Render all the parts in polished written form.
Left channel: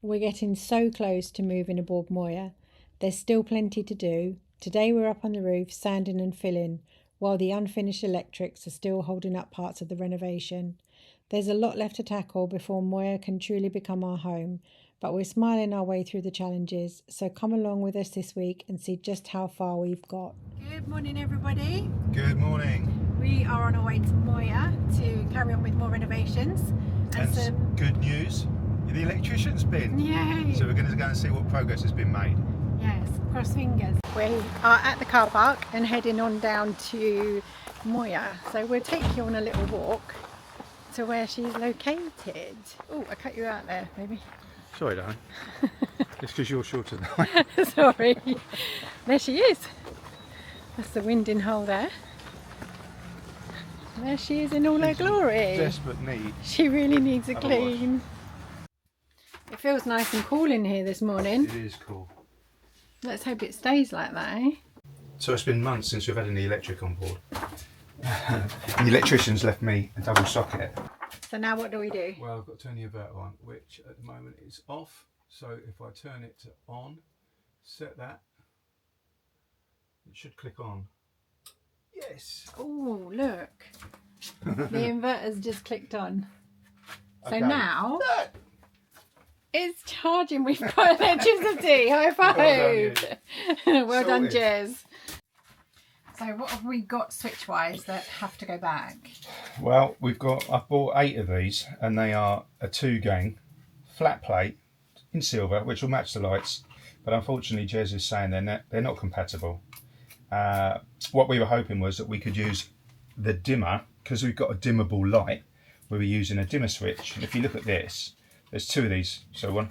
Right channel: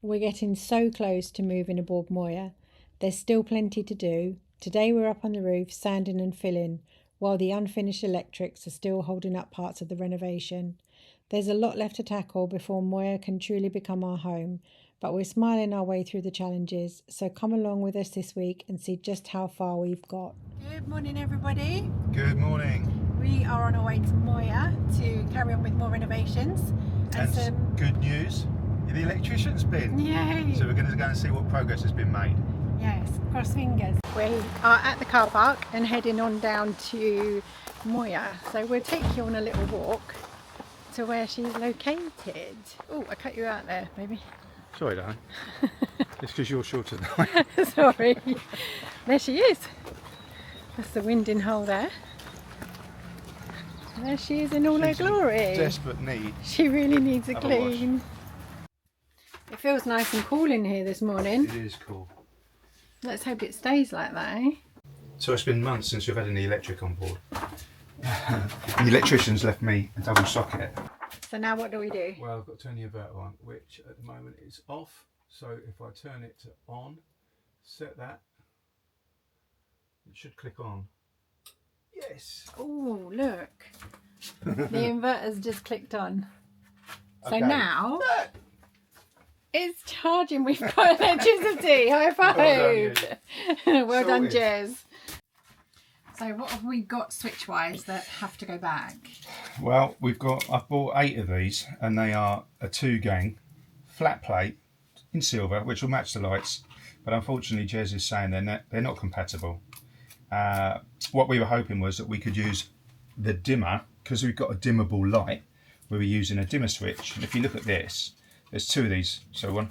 We're getting so close to moving aboard Moya. There's still plenty to do. Today we're up on the roof sanding and filling, while the unfinished electrics are still holding up parts of the renovation. There's a lot left to tackle before Moya can truly become our home, but we're smiling our way through the challenges, so come along with us this week and see just how far we've got. Good morning everybody. Good morning. We are on our way to Moya to carry on with more renovations. And some good news, the electrician's been. Yay! So we're going to go and see what progress has been made. Yes, cross fingers. We are at the car park and heading on down to Moya. So we'll take you on a little walk to where she's located. Oh, I cut you out there, maybe. Sorry, darling. It's because you're shorter than I am. Sorry. There she is. That's the winding hole there. There she is in all her glory. Desperate need. She really needs a clean. It feels nice and cool in here this morning. It is cool. Let's hope it stays like that, eh? So it's been months since we've had any electric on board. The electrician's left me a double socket. So now what do we do? Well, I've got to turn the inverter on, which at the moment is off. So if I turn it to on, set that, it should click on. Yes. Oh, look. The inverter's just clicked on. So Okay. now it's charging. We've got electricity. High five. Well done, Sorted. Jez. So what have we got switch-wise that have to go back? Well, I've bought 8 of these, and they are a 2-gang flat plate in silver, which will match the lights. But unfortunately, Jez is saying they're not compatible. What we were hoping was that we could use the dimmer, because we've got a dimmable light. We were using a dimmer switch, and if you look at this, there's 2 of these. So one,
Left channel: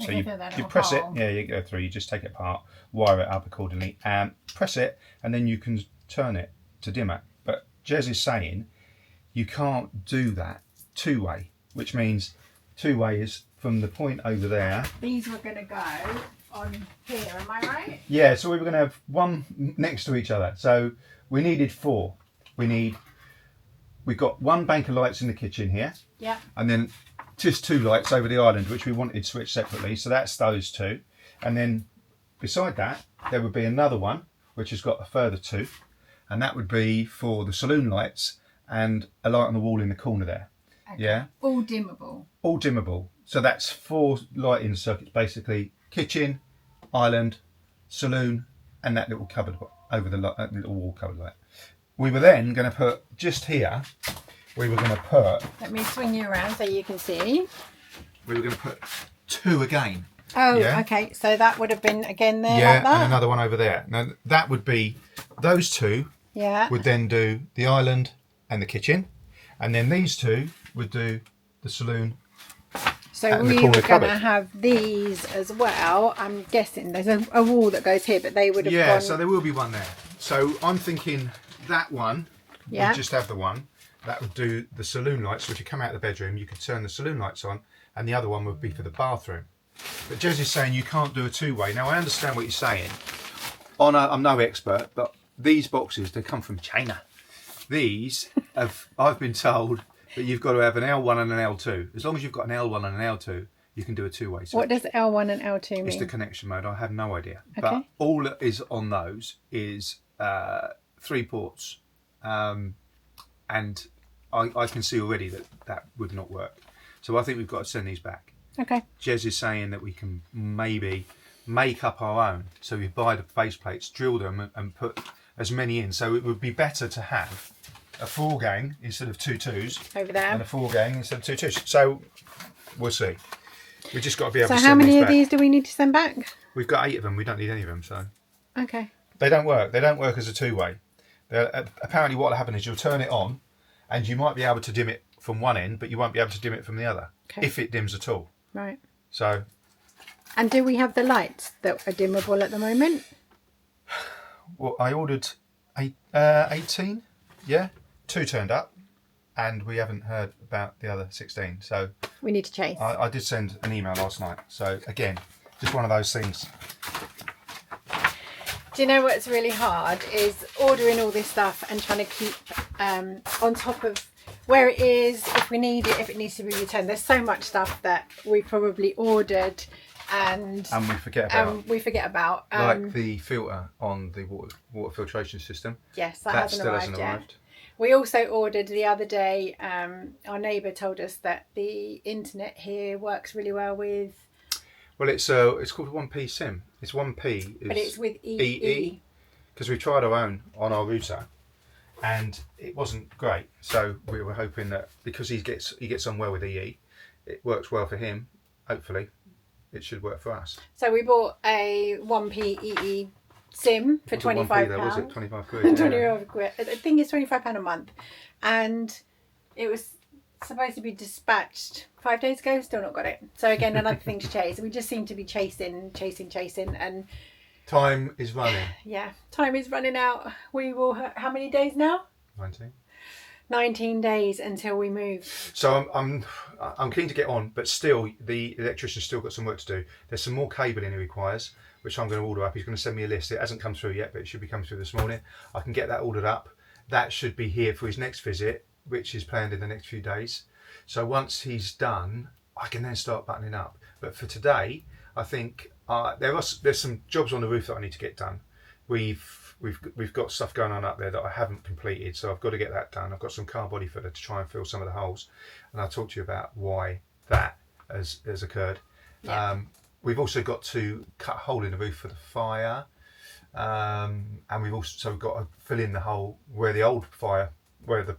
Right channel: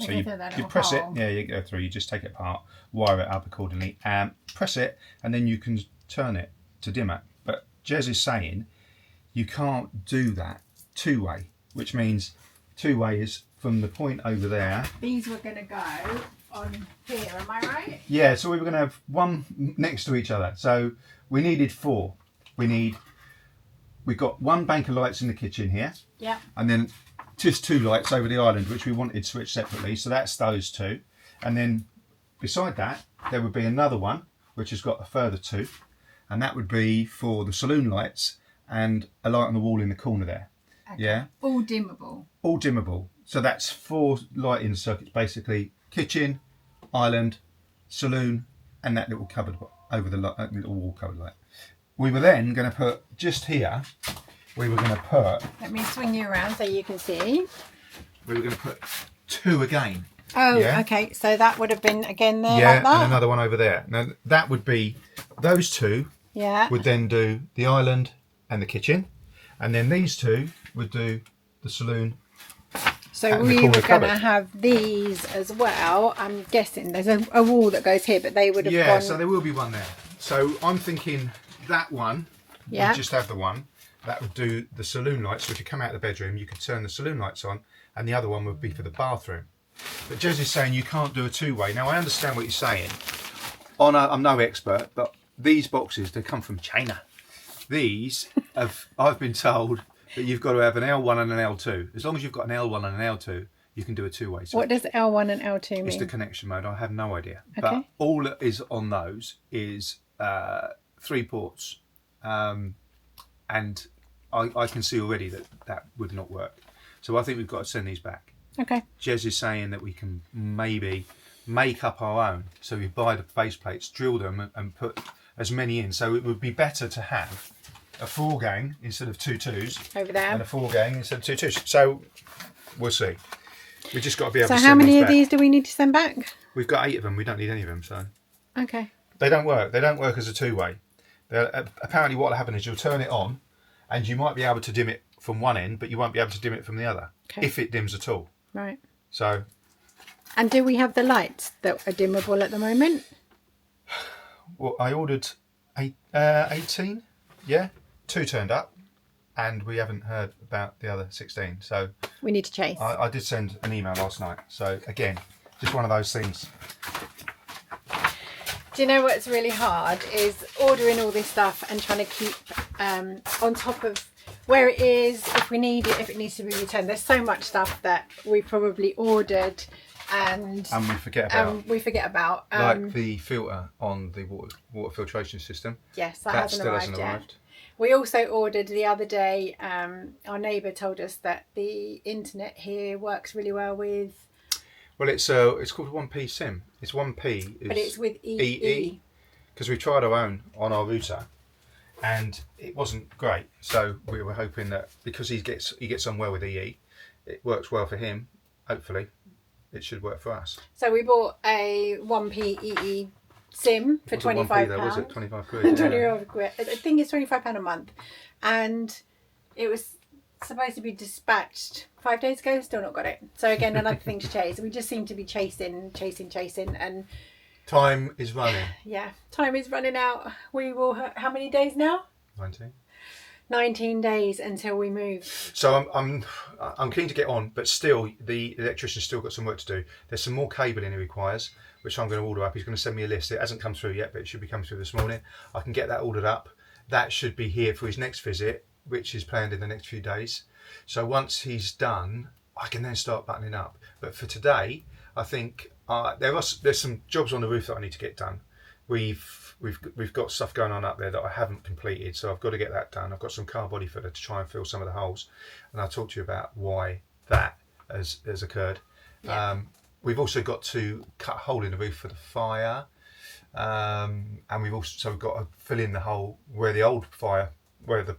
so you press it. Yeah, you go through. You just take it apart, wire it up accordingly, and press it, and then you can turn it to dimmer. But Jez is saying you can't do that 2-way, which means 2-way is from the point over there. These were going to go on here, am I right? Yeah, so we were going to have one next to each other. So we needed 4. We've got 1 bank of lights in the kitchen here. Yeah. And then just 2 lights over the island, which we wanted switched separately. So that's those 2. And then beside that, there would be another one, which has got a further 2. And that would be for the saloon lights and a light on the wall in the corner there. Okay. Yeah. All dimmable. All dimmable. So that's 4 lighting circuits, basically. Kitchen, island, saloon, and that little cupboard over the little wall cupboard light. We were then going to put just here. We were going to put. Let me swing you around so you can see. We were going to put 2 again. Oh, yeah? Okay. So that would have been again there. Yeah, like that? and another one over there. Now that would be those 2. Yeah. Would then do the island and the kitchen, and then these 2 would do the saloon. So we were going to have these as well. I'm guessing there's a wall that goes here, but they would have gone... Yeah, so there will be one there. So I'm thinking that one, yeah, we'd just have the one. That would do the saloon lights. So if you come out of the bedroom, you could turn the saloon lights on, and the other one would be for the bathroom. But Jez is saying you can't do a 2-way. Now, I understand what you're saying. I'm no expert, but these boxes, they come from China. These, I've been told that you've got to have an L1 and an L2. As long as you've got an L1 and an L2, you can do a 2-way. So what does L1 and L2 mean? it's the connection mode. I have no idea. Okay. But all that is on those is 3 ports. And I can see already that would not work. So I think we've got to send these back. Okay. Jez is saying that we can maybe make up our own. So we buy the base plates, drill them, and put as many in. So it would be better to have a 4-gang instead of 2 2s over there, and a 4-gang instead of 2 2s. So we'll see. We just got to be able to So send how many these of back. these do we need to send back? We've got 8 of them. We don't need any of them. So okay. they don't work. They don't work as a 2-way. Apparently what will happen is you'll turn it on, and you might be able to dim it from one end, but you won't be able to dim it from the other, if it dims at all. Right. So. And do we have the lights that are dimmable at the moment? Well, I ordered 18. Yeah. 2 turned up, and we haven't heard about the other 16. So we need to chase. I did send an email last night. So again, just one of those things. Do you know what's really hard is ordering all this stuff and trying to keep on top of where it is, if we need it, if it needs to be returned. There's so much stuff that we probably ordered and we forget about. Like the filter on the water filtration system. Yes, that still hasn't arrived yet. We also ordered the other day, our neighbour told us that the internet here works really well with... Well, it's called 1P SIM. It's 1P. But it's with EE. Because we tried our own on our router and it wasn't great. So we were hoping that because he gets on well with EE, it works well for him, hopefully. It should work for us. So we bought a 1P EE SIM for £25. Was it 25 quid? 25 quid. I think it's £25 a month. And it was supposed to be dispatched 5 days ago, still not got it. So again, another thing to chase. We just seem to be chasing and time is running. Yeah, time is running out. We will how many days now? 19 days until we move. So I'm keen to get on, but still the electrician's still got some work to do. There's some more cabling he requires, which I'm going to order up. He's going to send me a list. It hasn't come through yet, but it should be coming through this morning. I can get that ordered up. That should be here for his next visit, which is planned in the next few days. So once he's done, I can then start buttoning up. But for today, I think there's some jobs on the roof that I need to get done. We've got stuff going on up there that I haven't completed, so I've got to get that done. I've got some car body filler to try and fill some of the holes, and I'll talk to you about why that has occurred. Yeah. We've also got to cut a hole in the roof for the fire, and we've also got to fill in the hole where the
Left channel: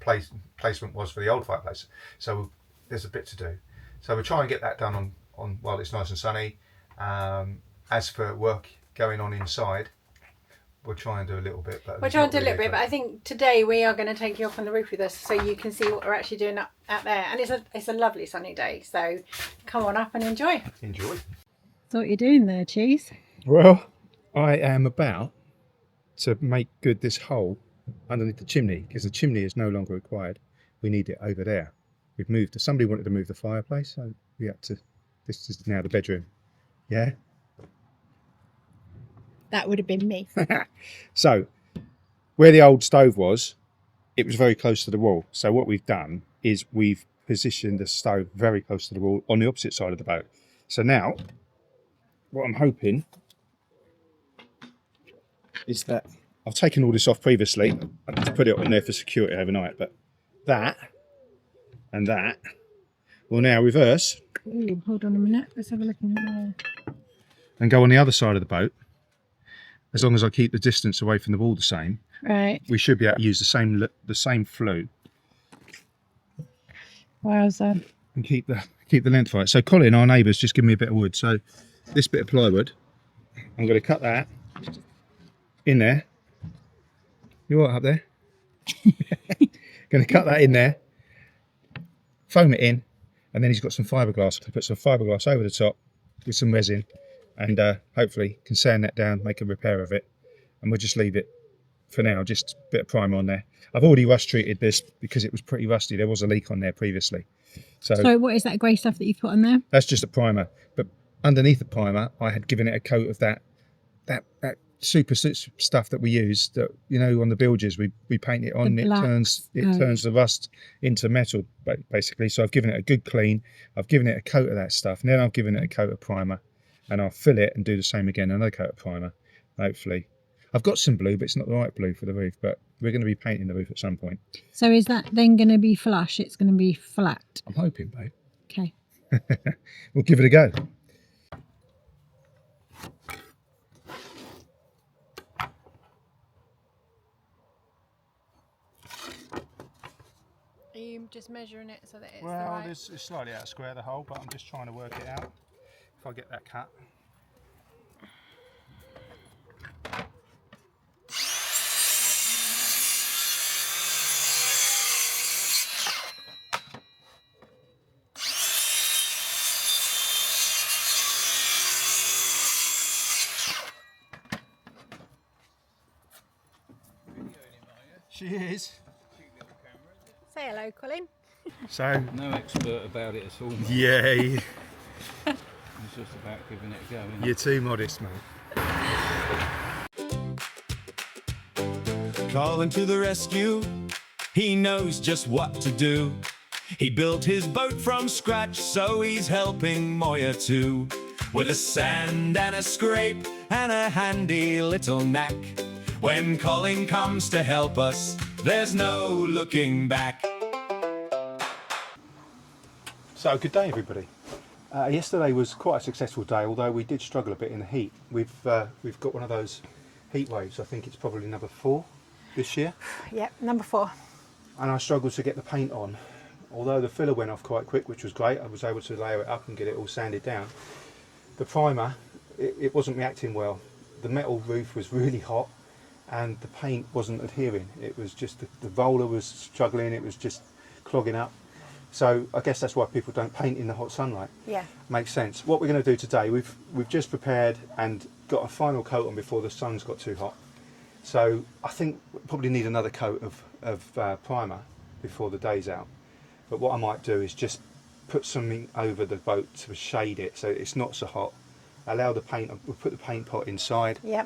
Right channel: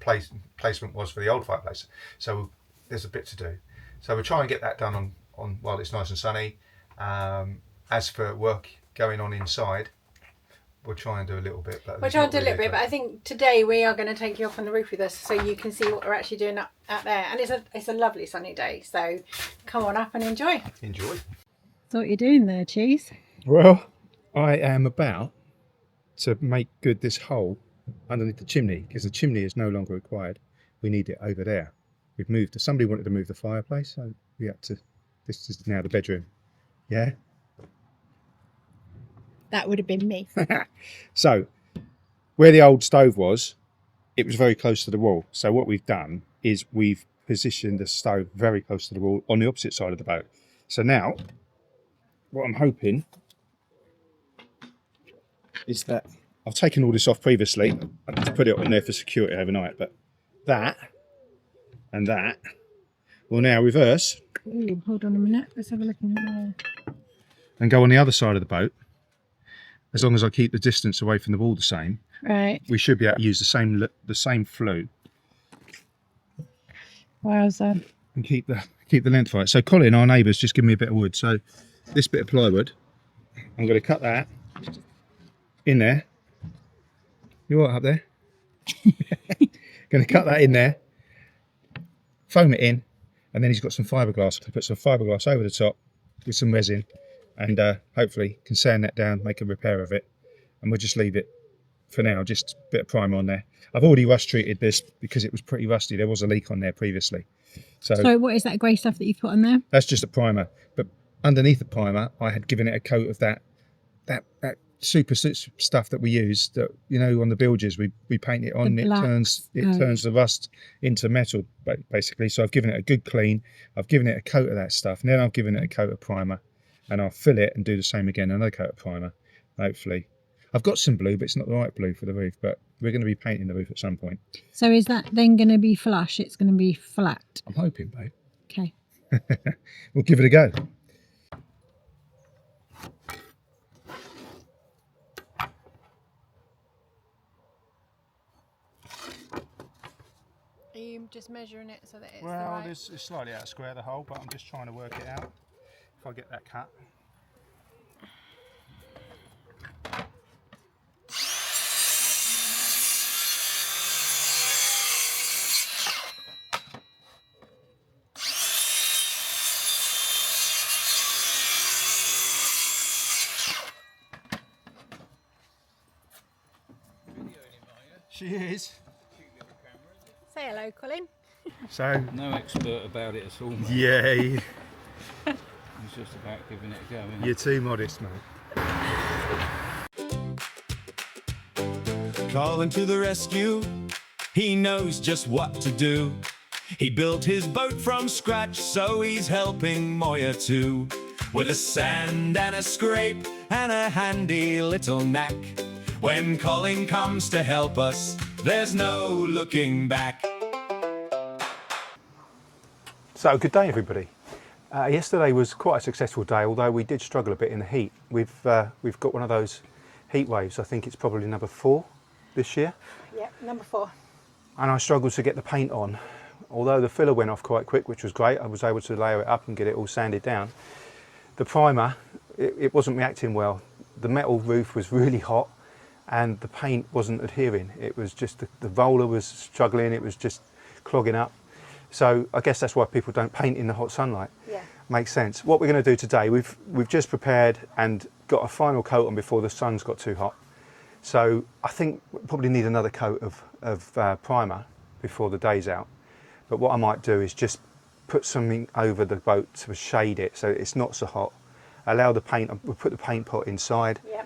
placement was for the old fireplace. So there's a bit to do. So we'll try and get that done on while it's nice and sunny. As for work going on inside, we'll try and do a little bit. But I think today we are going to take you off on the roof with us so you can see what we're actually doing out there. And it's a lovely sunny day, so come on up and enjoy. So what you're doing there, Cheese? Well, I am about to make good this hole underneath the chimney, because the chimney is no longer required. We need it over there. We've moved. Somebody wanted to move the fireplace, so we had to. This is now the bedroom. Yeah. That would have been me. So, where the old stove was, it was very close to the wall. So what we've done is we've positioned the stove very close to the wall on the opposite side of the boat. So now, what I'm hoping is that I've taken all this off previously. I had to put it on there for security overnight, but that and that will now reverse. Ooh, hold on a minute. Let's have a look in there. And go on the other side of the boat. As long as I keep the distance away from the wall the same, right, we should be able to use the same flue. Wowza. And keep the length right. So Colin, our neighbour's just given me a bit of wood. So this bit of plywood, I'm going to cut that in there. You all right up there? Going to cut that in there, foam it in, and then he's got some fiberglass. I put some fiberglass over the top with some resin, and hopefully can sand that down, make a repair of it, and we'll just leave it for now. Just a bit of primer on there. I've already rust treated this because it was pretty rusty. There was a leak on there previously. So what is that grey stuff that you've put on there? That's just a primer, but underneath the primer I had given it a coat of that super stuff that we use, that on the bilges we paint it on. It turns the rust into metal basically. So I've given it a good clean. I've given it a coat of that stuff, and then I've given it a coat of primer, and I'll fill it and do the same again, another coat of primer. Hopefully I've got some blue, but it's not the right blue for the roof, but we're going to be painting the roof at some point. So is that then going to be flush? It's going to be flat? I'm hoping, babe. Okay. We'll give it a go. Are you just measuring it so that it's well, it's slightly out of square, the hole, but I'm just trying to work it out. If I get that cut. She is. Say hello, Colin. So no expert about it at all, mate. Yeah. It's just about giving it a go, isn't You're too modest, mate. Calling to the rescue. He knows just what to do. He built his boat from scratch, so he's helping Moya too. With a sand and a scrape and a handy little knack, when Colin comes to help us, there's no looking back. So, good day everybody. Yesterday was quite a successful day, although we did struggle a bit in the heat. We've got one of those heat waves. I think it's probably number 4 this year. Yep, number 4. And I struggled to get the paint on. Although the filler went off quite quick, which was great, I was able to layer it up and get it all sanded down. The primer, it wasn't reacting well. The metal roof was really hot and the paint wasn't adhering. It was just, the roller was struggling, it was just clogging up. So I guess that's why people don't paint in the hot sunlight. Yeah. Makes sense. What we're going to do today, we've just prepared and got a final coat on before the sun's got too hot. So I think we probably need another coat of primer before the day's out. But what I might do is just put something over the boat to shade it so it's not so hot. Allow the paint, we'll put the paint pot inside. Yep.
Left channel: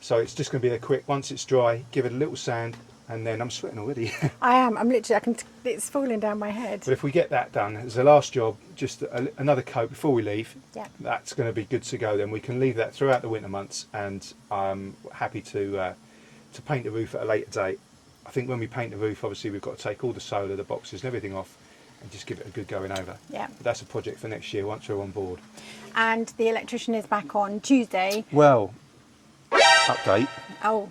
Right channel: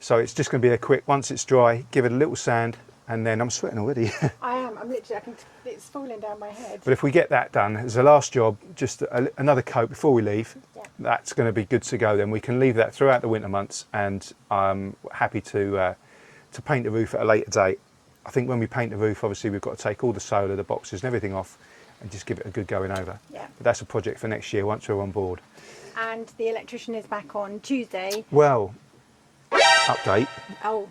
So it's just going to be a quick, once it's dry, give it a little sand, and then I'm sweating already. I am. I'm literally, it's falling down my head. But if we get that done, as a last job, just another coat before we leave, Yeah. that's going to be good to go. Then we can leave that throughout the winter months, and I'm happy to paint the roof at a later date. I think when we paint the roof, obviously we've got to take all the solar, the boxes and everything off and just give it a good going over. Yeah. But that's a project for next year once we're on board. And the electrician is back on Tuesday. Well, update. Oh,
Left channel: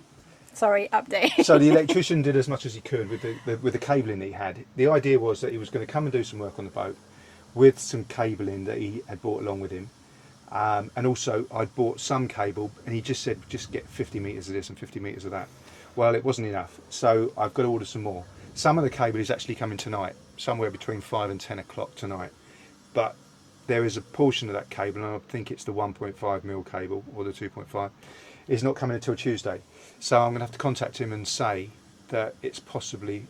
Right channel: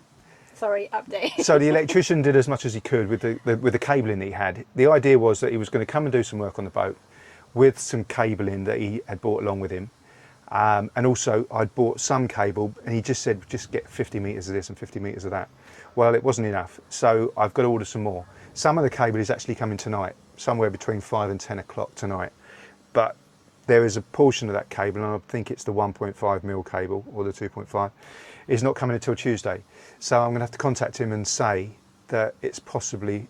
sorry, update. So the electrician did as much as he could with the cabling that he had. The idea was that he was going to come and do some work on the boat with some cabling that he had brought along with him. And also I'd bought some cable, and he just said, just get 50 metres of this and 50 metres of that. Well, it wasn't enough, so I've got to order some more. Some of the cable is actually coming tonight, somewhere between 5 and 10 o'clock tonight. But there is a portion of that cable, and I think it's the 1.5mm cable, or the 2.5, is not coming until Tuesday. So I'm going to have to contact him and say that it's possibly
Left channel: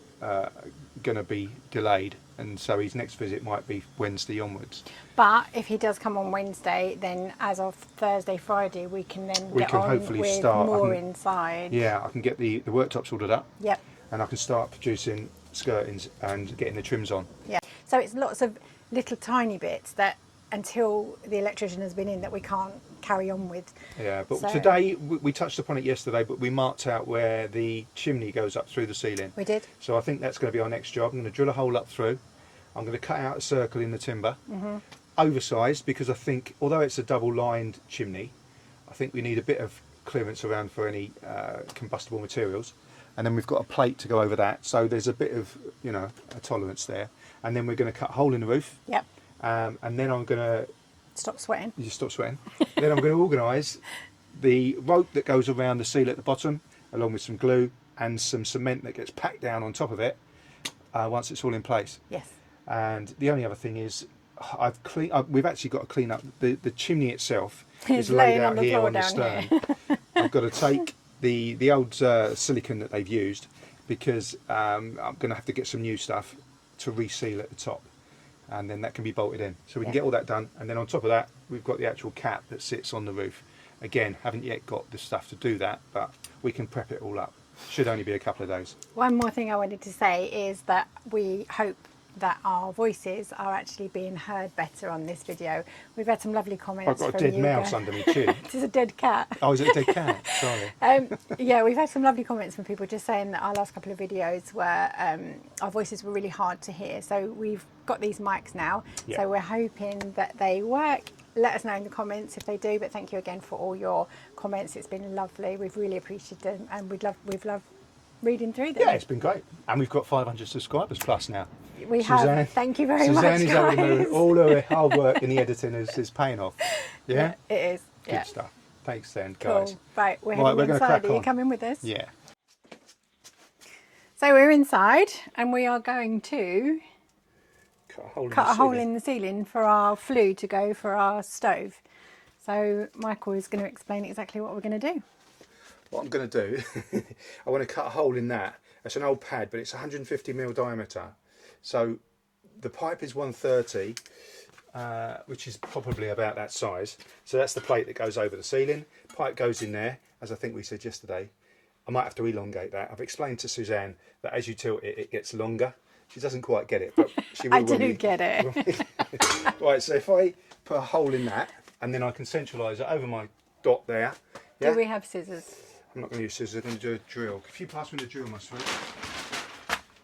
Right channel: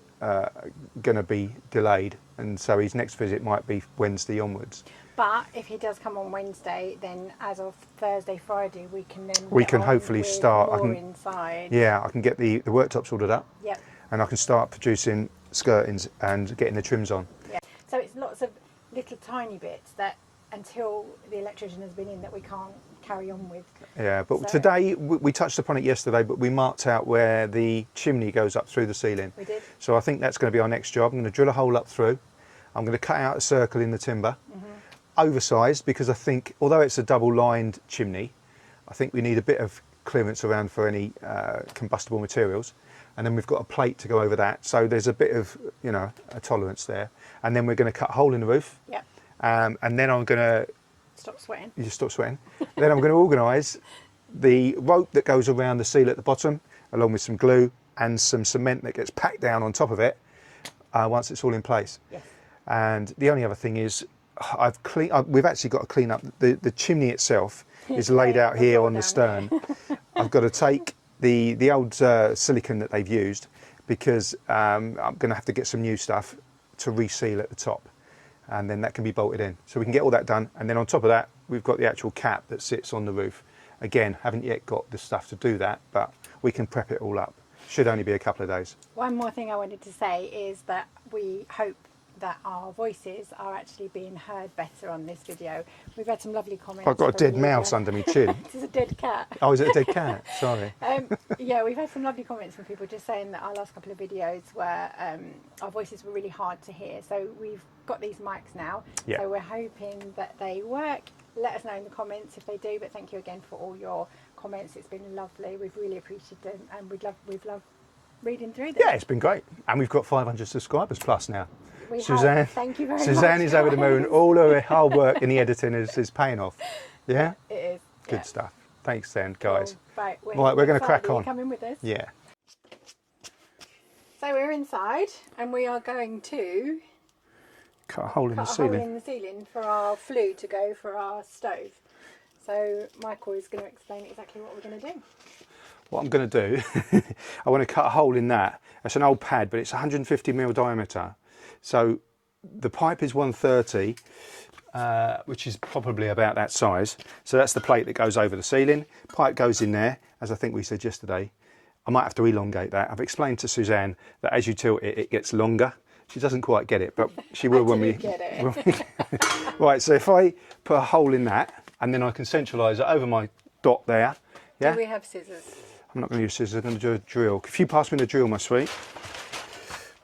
going to be delayed, and so his next visit might be Wednesday onwards. But if he does come on Wednesday, then as of Thursday, Friday, we can then Hopefully start more inside. Yeah, I can get the worktops ordered up. Yep. And I can start producing skirtings and getting the trims on. Yeah. So it's lots of little tiny bits that until the electrician has been in that we can't carry on with. Yeah, but So- today we touched upon it yesterday, but we marked out where the chimney goes up through the ceiling. We did. So I think that's going to be our next job. I'm going to drill a hole up through. I'm going to cut out a circle in the timber. Oversized, because I think, although it's a double-lined chimney, I think we need a bit of clearance around for any combustible materials. And then we've got a plate to go over that. So there's a bit of, a tolerance there. And then we're going to cut a hole in the roof. Yep. And then I'm going to... Stop sweating. You just stop sweating. Then I'm going to organise the rope that goes around the seal at the bottom, along with some glue and some cement that gets packed down on top of it once it's all in place. Yes. And the only other thing is, we've actually got to clean up the chimney itself. It's is laid laying out on the here floor on the down stern. here. I've got to take the old silicone that they've used, because I'm going to have to get some new stuff to reseal at the top, and then that can be bolted in. So we can get all that done, and then on top of that we've got the actual cap that sits on the roof. Again, haven't yet got the stuff to do that, but we can prep it all up. Should only be a couple of days. One more thing I wanted to say is that we hope that our voices are actually being heard better on this video. We've had some lovely comments. I've got a from dead you mouse guys. under my chin. This is a dead cat. Oh, is it a dead cat? Sorry. Yeah, we've had some lovely comments from people just saying that our last couple of videos were our voices were really hard to hear. So we've got these mics now. Yeah. So we're hoping that they work. Let us know in the comments if they do. But thank you again for all your comments. It's been lovely. We've really appreciated them, and we've loved reading through them. Yeah, it's been great. And we've got 500 subscribers plus now. We Suzanne, have. Thank you very much. Suzanne is over the moon. guys. All of the hard work in the editing is paying off. Yeah? It is. Good Yeah. stuff. Thanks then, Cool. guys. Right, we're Right, we're going to crack Are you on. coming with us? Yeah. So we're inside, and we are going to Cut a hole in cut the a hole ceiling. in the ceiling for our flue to go for our stove. So Michael is going to explain exactly what we're going to do. What I'm going to do, I want to cut a hole in that. That's an old pad, but it's 150mm diameter. So the pipe is 130, which is probably about that size. So that's the plate that goes over the ceiling. Pipe goes in there, as I think we said yesterday. I might have to elongate that. I've explained to Suzanne that as you tilt it, it gets longer. She doesn't quite get it, but she will when we... I didn't get it. Right, so if I put a hole in that, and then I can centralise it over my dot there. Yeah? Do we have scissors? I'm not going to use scissors, I'm going to do a drill. If you pass me the drill, my sweet.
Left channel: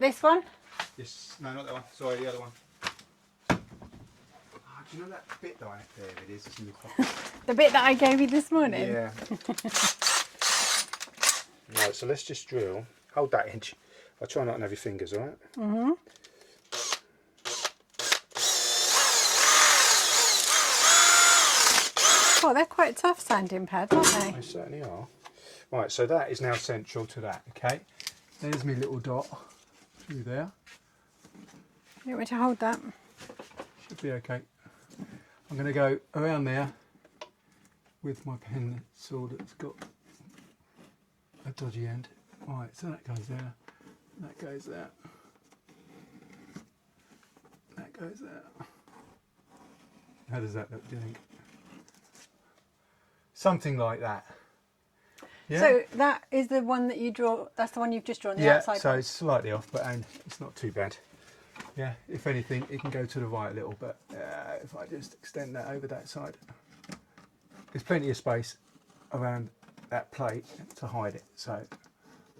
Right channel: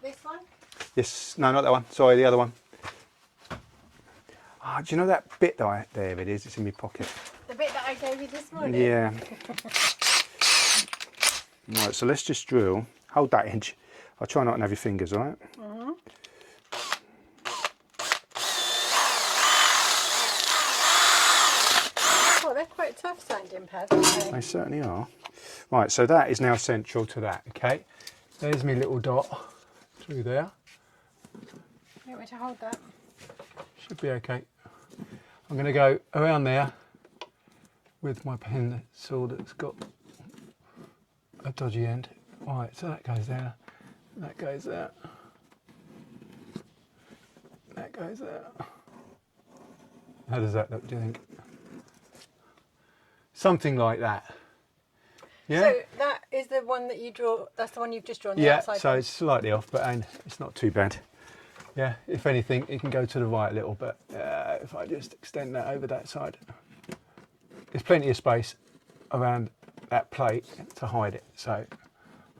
This one? Yes, no, not that one. Sorry, the other one. Oh, do you know that bit that there it is, it's in my pocket. The bit that I gave you this morning? Yeah. Right, so let's just drill. Hold that edge. I'll try not to have your fingers, all right? Mm-hmm. Oh, they're quite tough sanding pads, aren't they? They certainly are. Right, so that is now central to that, okay? There's my little dot through there. You want me to hold that? Should be okay. I'm going to go around there with my pencil that's got a dodgy end. Right, so that goes there, that goes there, that goes there. How does that look, do you think? Something like that. Yeah? So that is the one that you draw, that's the one you've just drawn the Yeah, outside so one. it's slightly off, but it's not too bad. Yeah, if anything, it can go to the right a little, but if I just extend that over that side, there's plenty of space around that plate to hide it, so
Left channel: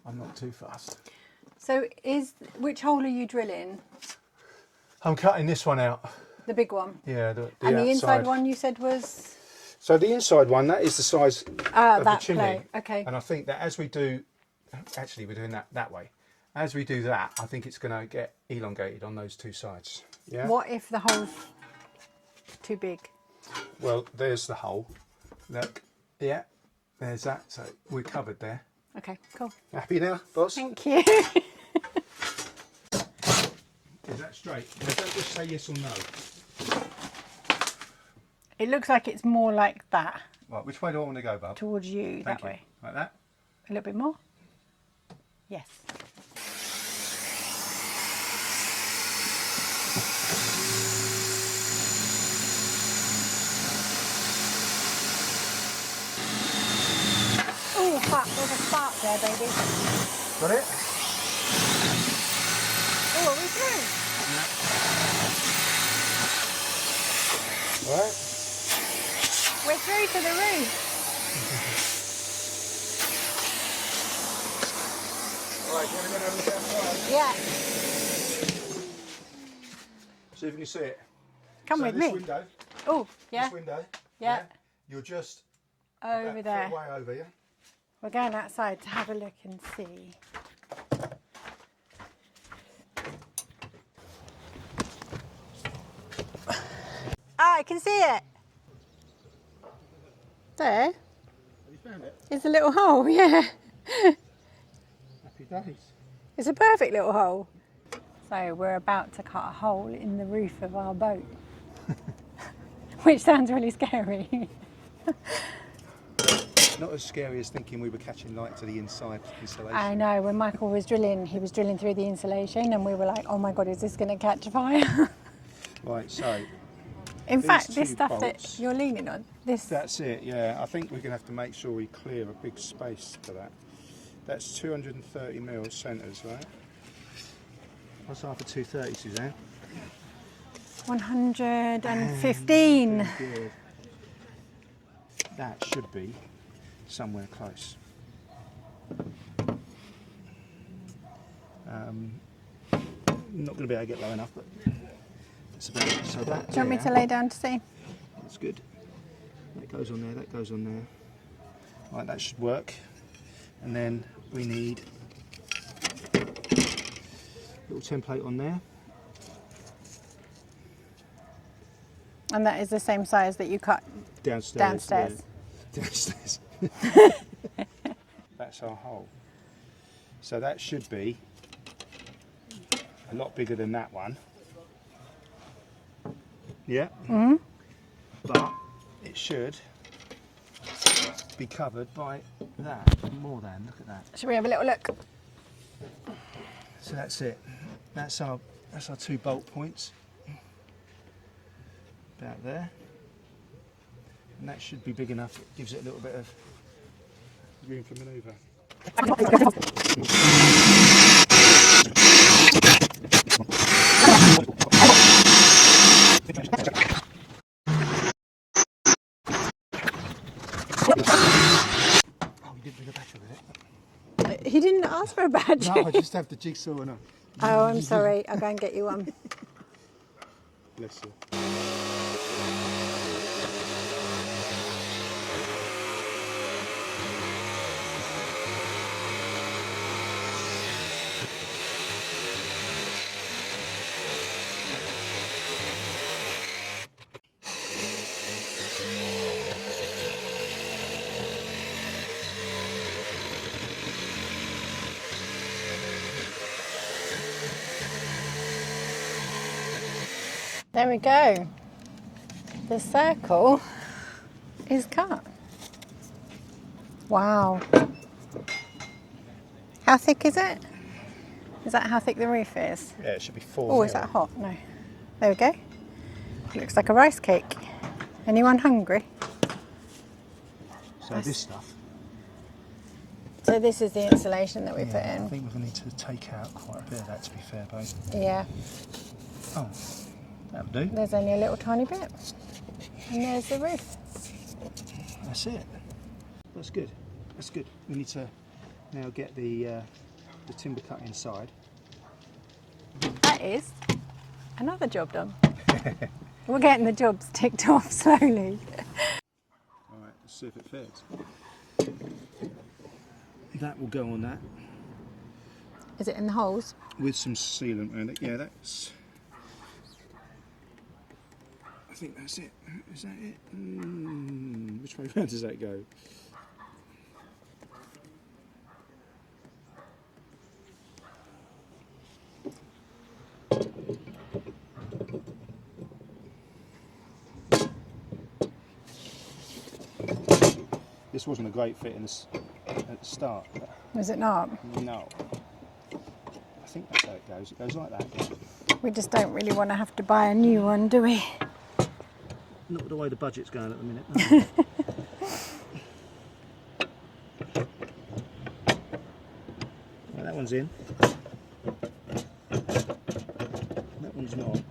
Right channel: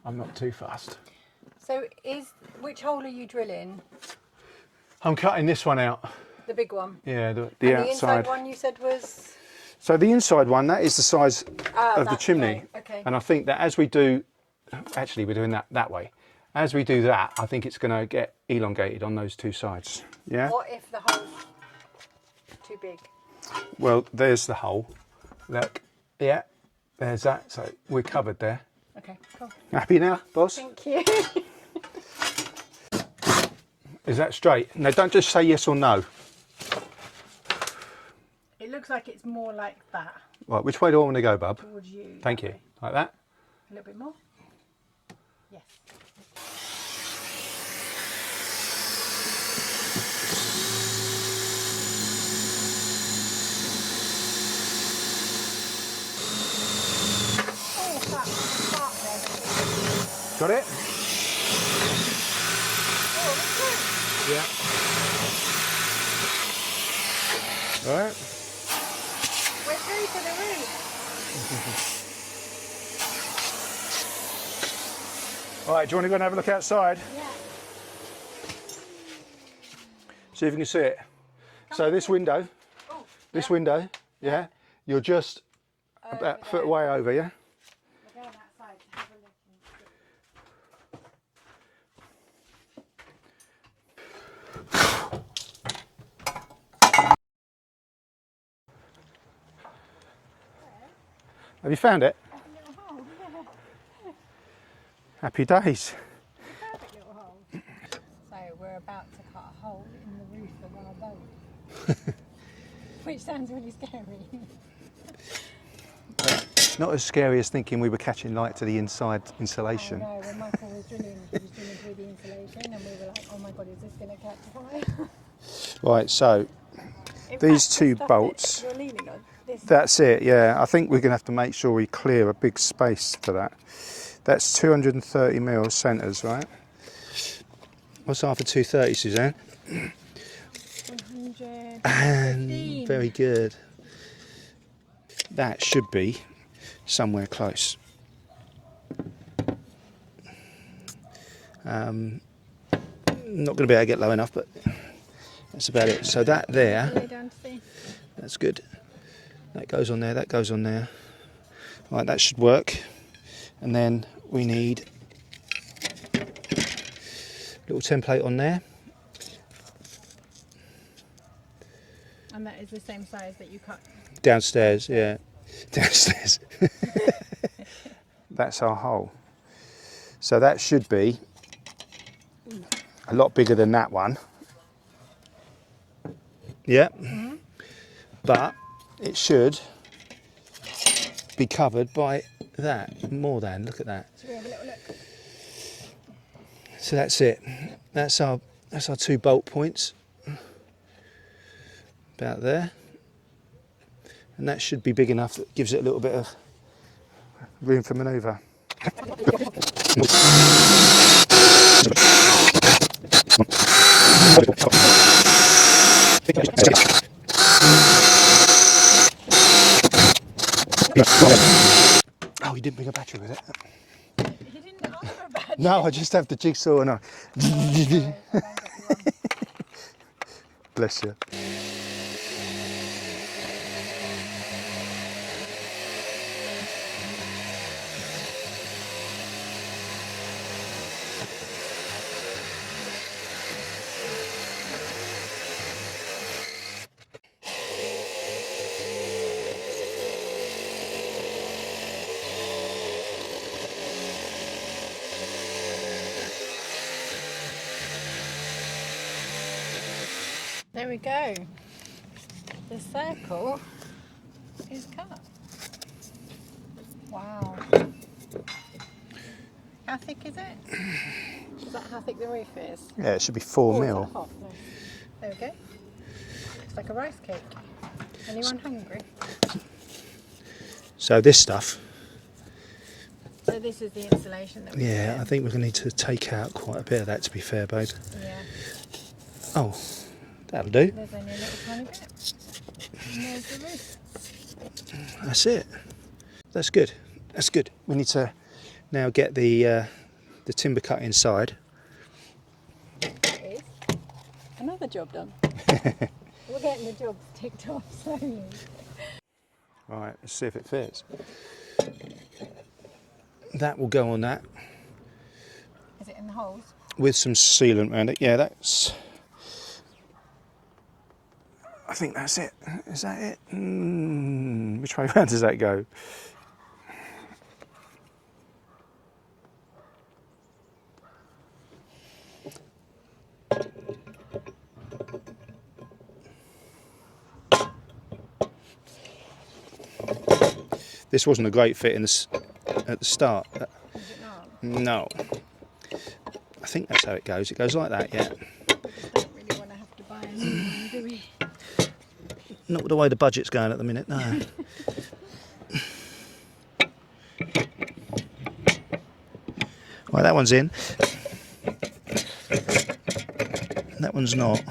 I'm not too fussed. So which hole are you drilling? I'm cutting this one out. The big one? Yeah, the And outside. the inside one you said was? So the inside one, that is the size of the chimney. Right. Okay. And I think that as we do, actually we're doing that way. As we do that, I think it's going to get elongated on those two sides. Yeah. What if the hole's too big? Well, there's the hole. Look, yeah, there's that. So we're covered there. Okay, cool. Happy now, boss? Thank you. Is that straight? No, don't just say yes or no. It looks like it's more like that. Right, which way do I want to go, bub? Towards you. Thank that you. way. Like that? A little bit more? Yes. Oh, fuck, there's a spark there, baby. Got it? Oh, what was that? Yeah. Right. We're through to the room. Right, do you want to go and have a look outside? Yeah. See if you can see it. Come so with this me. window, Oh, yeah. this window, Yeah. you're just Over about a there. foot away over, yeah? We're going outside to have a look and see. Ah, I can see it. There. Have you found it? It's a little hole, yeah. Happy days. It's a perfect little hole. So we're about to cut a hole in the roof of our boat. Which sounds really scary. Not as scary as thinking we were catching light to the inside insulation. I know, when Michael was drilling, he was drilling through the insulation and we were like, oh my God, is this going to catch fire? Right, so In these fact, two this stuff bolts, that you're leaning on, this, that's it, yeah. I think we're going to have to make sure we clear a big space for that. That's 230 mil centres, right? What's after 230, Suzanne? 115. Very good. That should be somewhere close. Not going to be able to get low enough, but that's about it. So that Do you want me to there, lay down to see? that's good. That goes on there, that goes on there. Right, that should work. And then we need a little template on there. And that is the same size that you cut Downstairs, downstairs. yeah. Downstairs. That's our hole. So that should be a lot bigger than that one. Yeah. Mm-hmm. But it should be covered by that, more than, look at that. Should we have a little look? So that's it. That's our two bolt points. About there. And that should be big enough that gives it a little bit of room for manoeuvre. Oh, you didn't bring a battery with it? He didn't ask for a badge. No, I just have the jigsaw and I... Oh, I'm sorry. I'll go and get you one. Bless you. There we go. The circle is cut. Wow. How thick is it? Is that how thick the roof is? Yeah, it should be 4 Oh, mil. is that hot? No. There we go. Looks like a rice cake. Anyone hungry? So this stuff, So this is the insulation that we put yeah, in. I think we're going to need to take out quite a bit of that, to be fair, babe. Yeah. Oh, that'll do. There's only a little tiny bit. And there's the roof. That's it. That's good. That's good. We need to now get the timber cut inside. That is another job done. We're getting the jobs ticked off slowly. Right, let's see if it fits. That will go on that Is it in the holes? with some sealant around it. Yeah, that's... I think that's it. Is that it? Which way round does that go? This wasn't a great fit at the start. Is it not? No. I think that's how it goes. It goes like that, yeah. We just don't really want to have to buy a new one, do we? Not the way the budget's going at the minute, no. Right, that one's in. That one's not.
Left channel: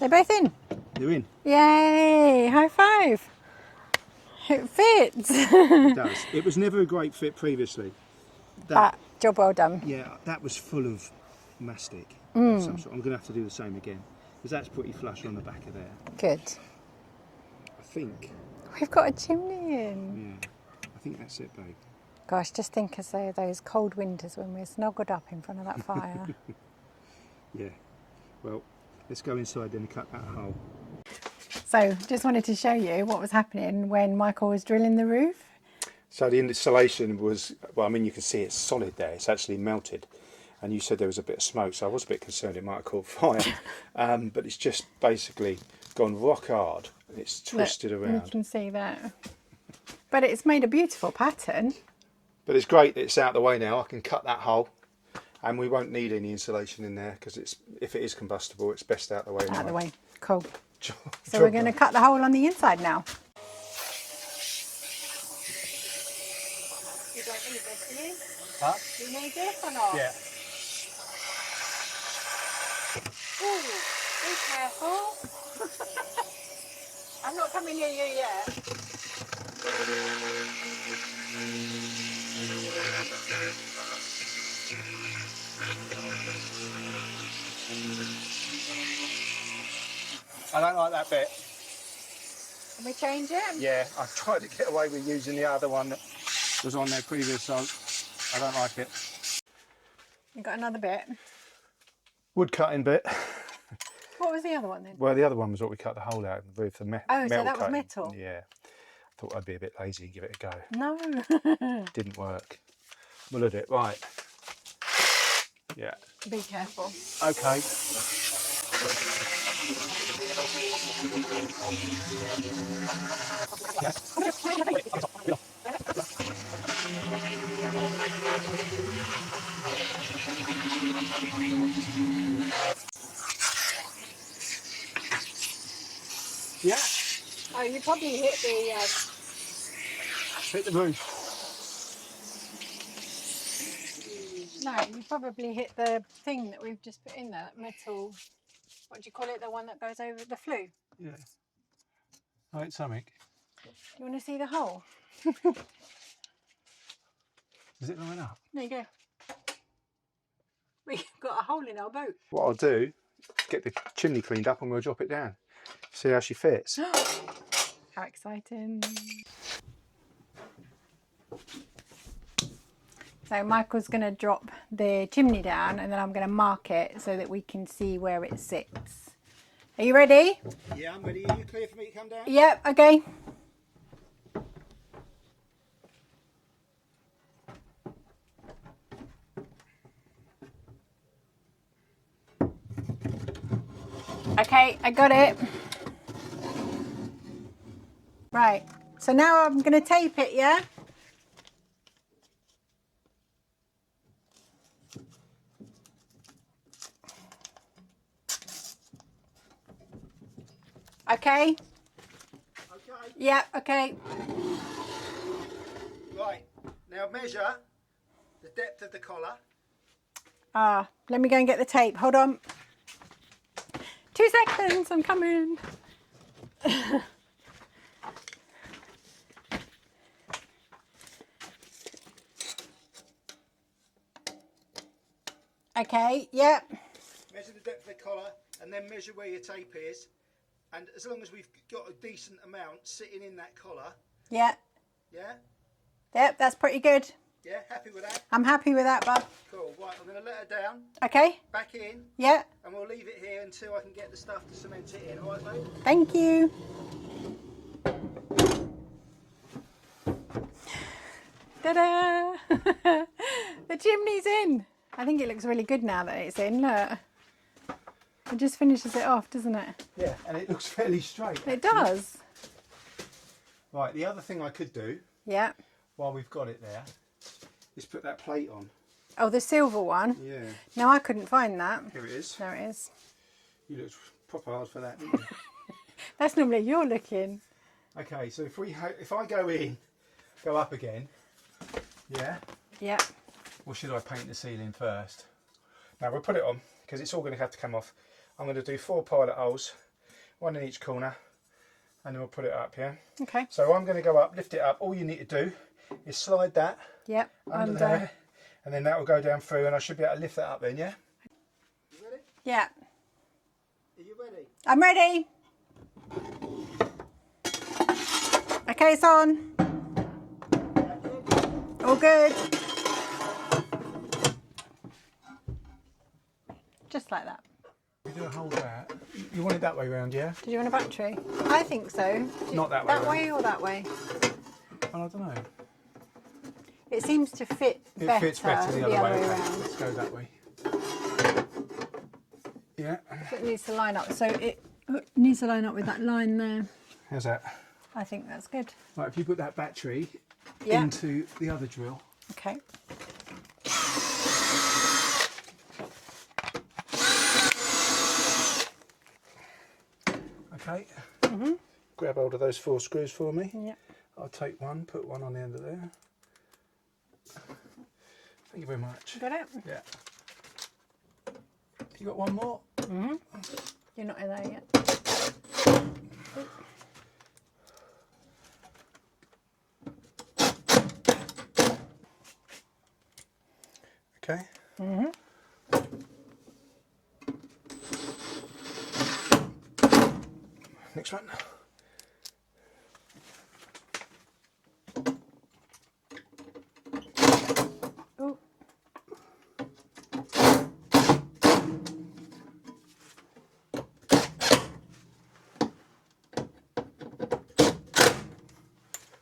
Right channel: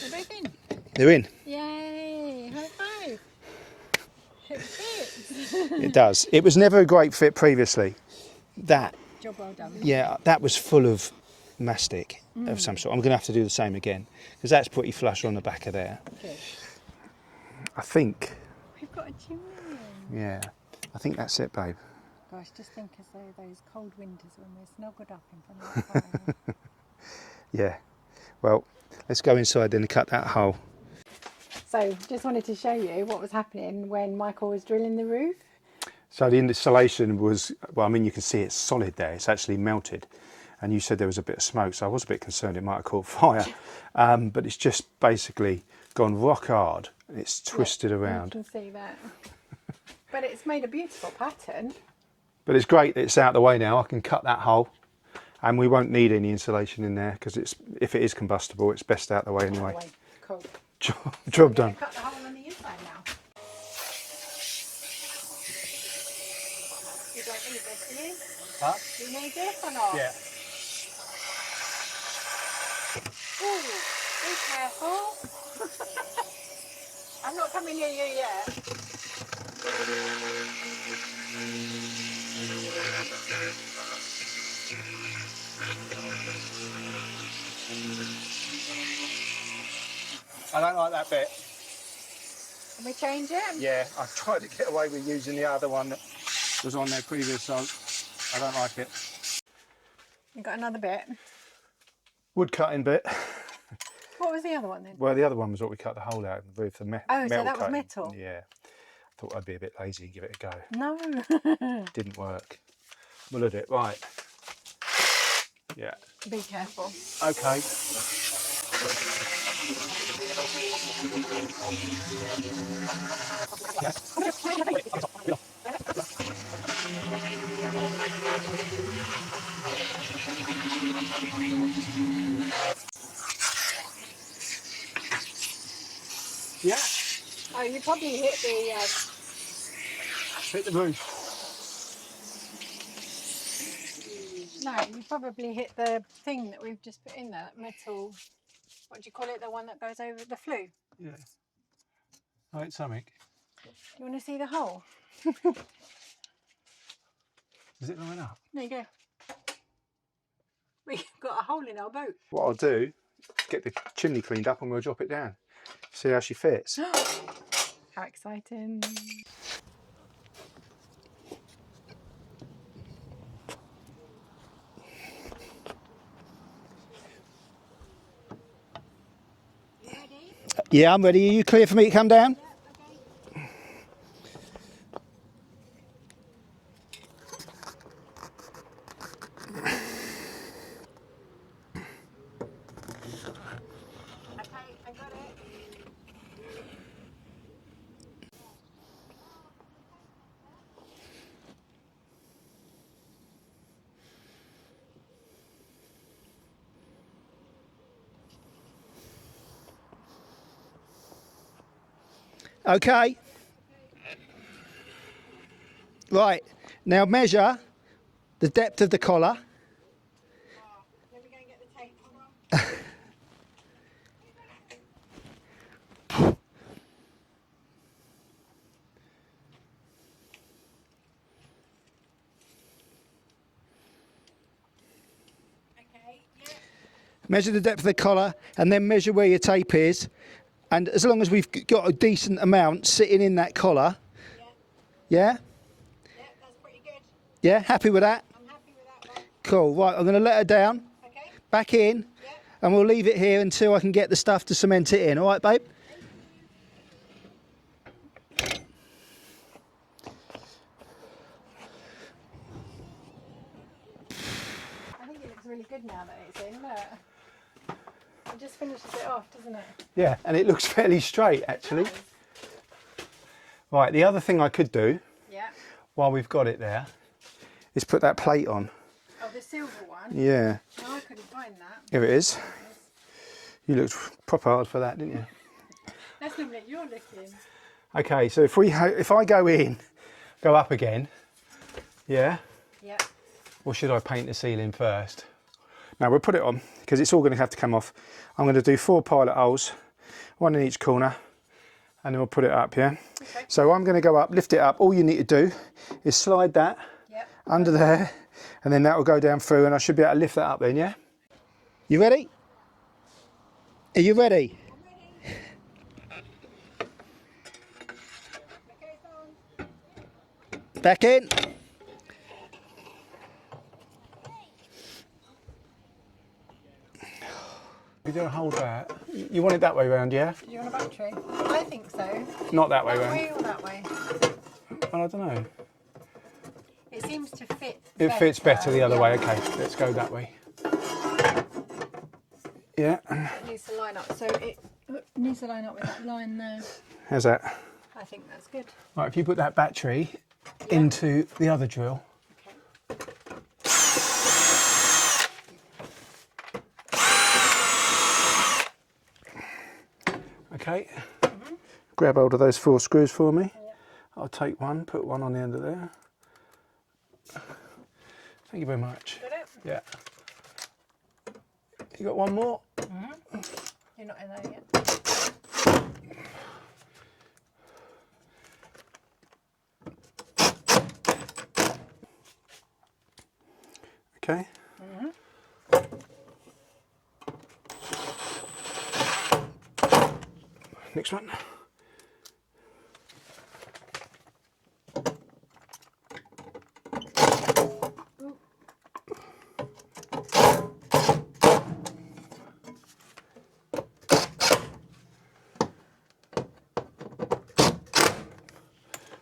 They're both in. They're in. Yay! High five. It fits. It does. It was never a great fit previously. That, Job well done. yeah, that was full of mastic of some sort. I'm going to have to do the same again because that's pretty flush on the back of there. Good. I think, We've got a chimney in. yeah, I think that's it, babe. Gosh, just think of those cold winters when we're snuggled up in front of that fire. Yeah. Well, let's go inside and cut that hole. So, just wanted to show you what was happening when Michael was drilling the roof. So the insulation was, well, I mean, you can see it's solid there. It's actually melted. And you said there was a bit of smoke, so I was a bit concerned it might have caught fire. But it's just basically gone rock hard. And it's twisted You around. can see that. But it's made a beautiful pattern. But it's great that it's out of the way now. I can cut that hole. And we won't need any insulation in there because it's, if it is combustible, it's best out of the way anyway. Out of the way. Cool. Job So we're going done. to cut the hole on the inside now. You don't need this, do you? Huh? Do you need this or not? Yeah. Ooh, be careful. I'm not coming near you yet. I don't like that bit. Can we change it? Yeah, I tried to get away with using the other one that was on there previous, so I don't like it. You got another bit. Wood cutting bit. What was the other one then? Well, the other one was what we cut the hole out of the roof. Oh, so that was cutting. metal? Yeah. I thought I'd be a bit lazy and give it a go. No. Didn't work. We'll at it. Right. Yeah. Be careful. Okay. Yeah. Oh, you probably hit the... Hit the roof. No, you probably hit the thing that we've just put in there, that metal... What do you call it? The one that goes over the flue? Yeah. Oh, it's something. Do you want to see the hole? Does it line up? There you go. We've got a hole in our boat. What I'll do, get the chimney cleaned up and we'll drop it down. See how she fits. How exciting. So Michael's going to drop the chimney down and then I'm going to mark it so that we can see where it sits. Are you ready? Yeah, I'm ready. Are you clear for me to come down? Yep, okay. Okay, I got it. Right, so now I'm going to tape it, yeah? Okay? Okay. Yeah, okay. Right. Now measure the depth of the collar. Let me go and get the tape. Hold on. 2 seconds, I'm coming. Okay, yep. Measure the depth of the collar and then measure where your tape is. And as long as we've got a decent amount sitting in that collar, Yep. yeah? Yep, that's pretty good. Yeah, happy with that? I'm happy with that, bub. Cool. Right, I'm going to let her down, Okay, back in, yeah. and we'll leave it here until I can get the stuff to cement it in. All right, babe? Thank you. Ta-da! The chimney's in. I think it looks really good now that it's in. Look. It just finishes it off, doesn't it? Yeah, and it looks fairly straight, actually. It does. Right, the other thing I could do, Yeah. while we've got it there, is put that plate on. Oh, the silver one? Yeah. No, I couldn't find that. Here it is. There it is. You looked proper hard for that, didn't you? That's normally you're looking. Okay, so if I go in, go up again, yeah? Yeah. Or should I paint the ceiling first? No, we'll put it on because it's all going to have to come off. I'm going to do 4 pilot holes, 1 in each corner, and then we'll put it up, yeah? Okay. So I'm going to go up, lift it up. All you need to do is slide that Yep. under there, and then that will go down through, and I should be able to lift that up then, yeah? You ready? Yeah. Are you ready? I'm ready. Okay, it's on. Back in. All good. Just like that. You don't hold that. You want it that way round, yeah? Did you want a battery? I think so. Not that way That round. way or that way? Well, I don't know. It seems to fit It fits better the other way. way. Okay, let's go that way. Yeah. It needs to line up. So it needs to line up with that line there. How's that? I think that's good. Right, if you put that battery Yeah. into the other drill. Okay. Okay. Grab hold of those 4 screws for me. Yeah. I'll take one, put one on the end of there. Thank you very much. Got it? Yeah. You got one more? You're not there yet. Okay. Next one. Ooh.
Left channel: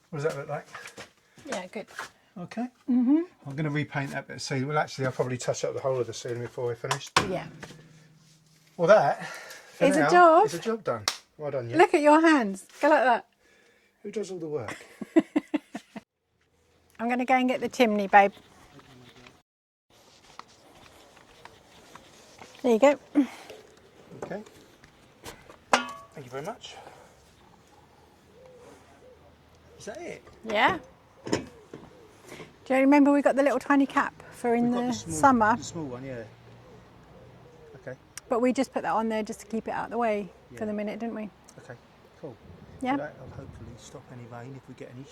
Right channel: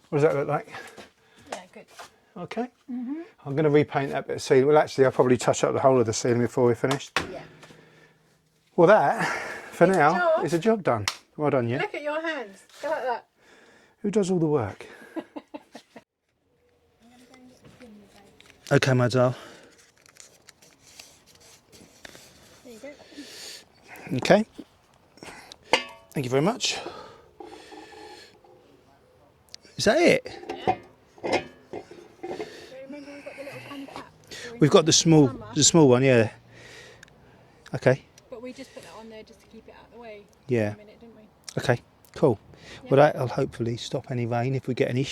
What does that look like? Yeah, good. Okay. I'm going to repaint that bit of ceiling. Well, actually, I'll probably touch up the whole of the ceiling before we're finished. Yeah. Well, that, for It's a now, job. is a job done. Well done, yeah. Look at your hands. Go like that. Who does all the work? I'm going to go and get the chimney, babe. Okay, my doll. There you go. Okay. Thank you very much. Is that it? Yeah. Do you remember we got the little tiny cap for in We've got the summer? small one, yeah. Okay. But we just put that on there just to keep it out of the way Yeah. for a minute, didn't we? Okay, cool. Yeah. Well, that'll hopefully stop any rain if we get any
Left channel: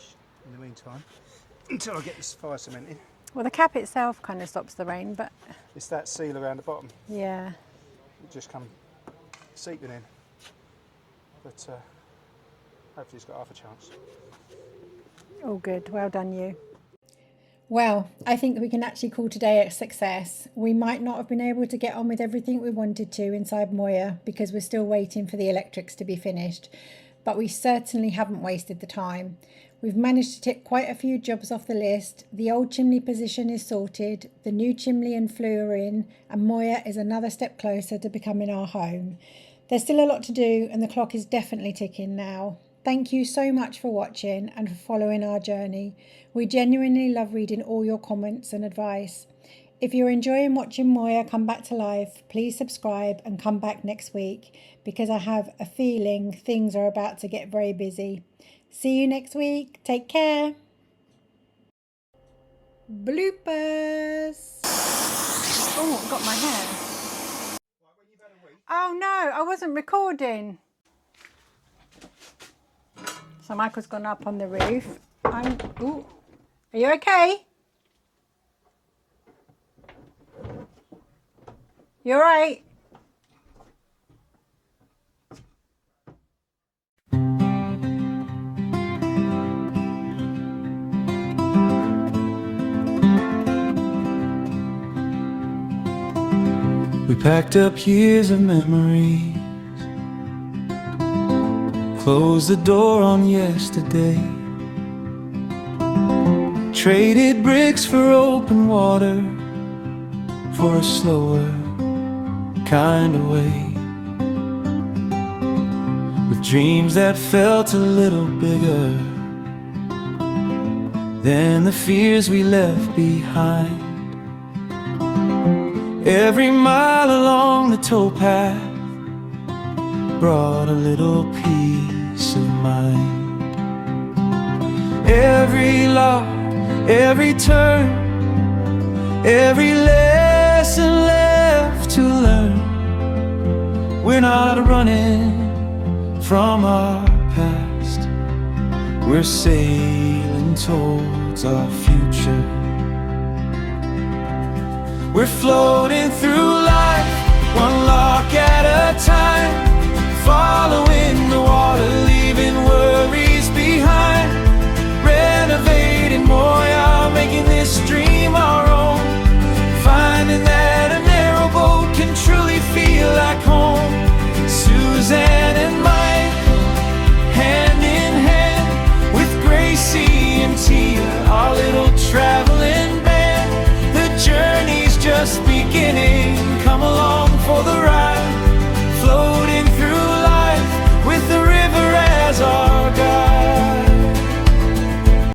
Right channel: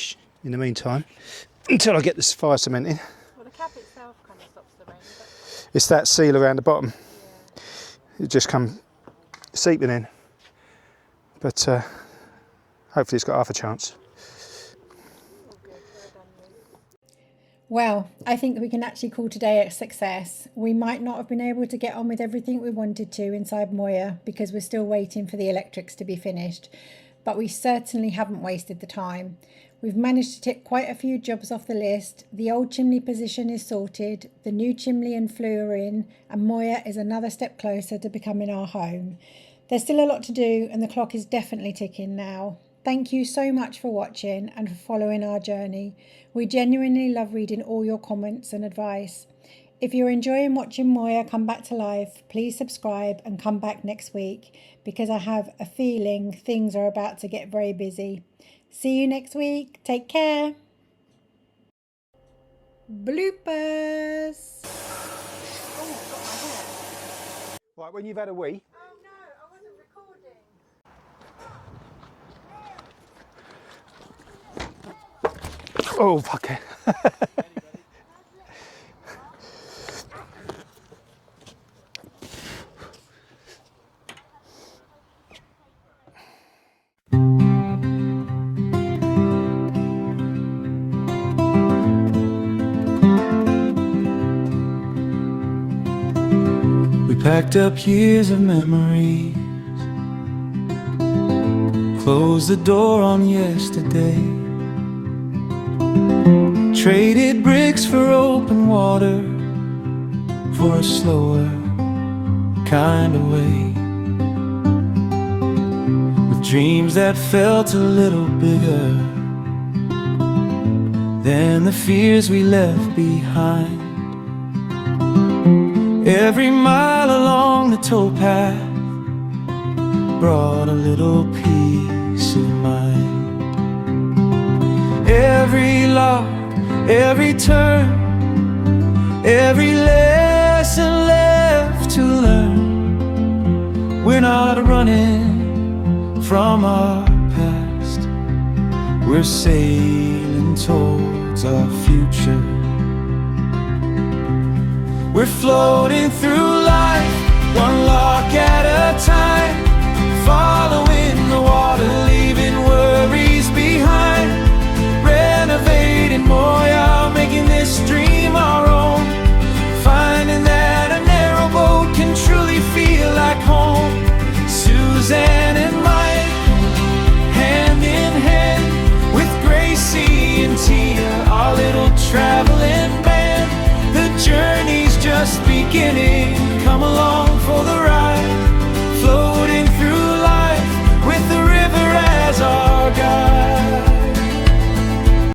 in the meantime, until I get this fire cement in. Well, the cap itself kind of stops the rain, but It's that seal around the bottom. yeah. It just come seeping in. But hopefully it's got half a chance. All good. Well done, you. Well, I think we can actually call today a success. We might not have been able to get on with everything we wanted to inside Moya because we're still waiting for the electrics to be finished, but we certainly haven't wasted the time. We've managed to tick quite a few jobs off the list. The old chimney position is sorted, the new chimney and flue are in, and Moya is another step closer to becoming our home. There's still a lot to do and the clock is definitely ticking now. Thank you so much for watching and for following our journey. We genuinely love reading all your comments and advice. If you're enjoying watching Moya come back to life, please subscribe and come back next week because I have a feeling things are about to get very busy. See you next week. Take care. Bloopers. Oh, I got my hair. Right, when you've had a wee. Oh no, I wasn't recording. So Michael's gone up on the roof. Oh, fuck it. Are you okay? You all right? We packed up years of memories, closed the door on yesterday, traded bricks for open water, for a slower kind of way, with dreams that felt a little bigger than the fears we left behind. Every mile along the towpath brought a little peace of mind. Every lock, every turn, every lesson left to learn. We're not running from our past, we're sailing towards our future. We're floating through life, one lock at a time, following the water, leaving worries behind. Renovating Moya, making this dream our own, finding that a narrowboat can truly feel like home. Suzanne and Michael, hand in hand, with Gracie and Tia, our little traveling band. The journey's just beginning, come along for the ride, floating through life with the river as our guide.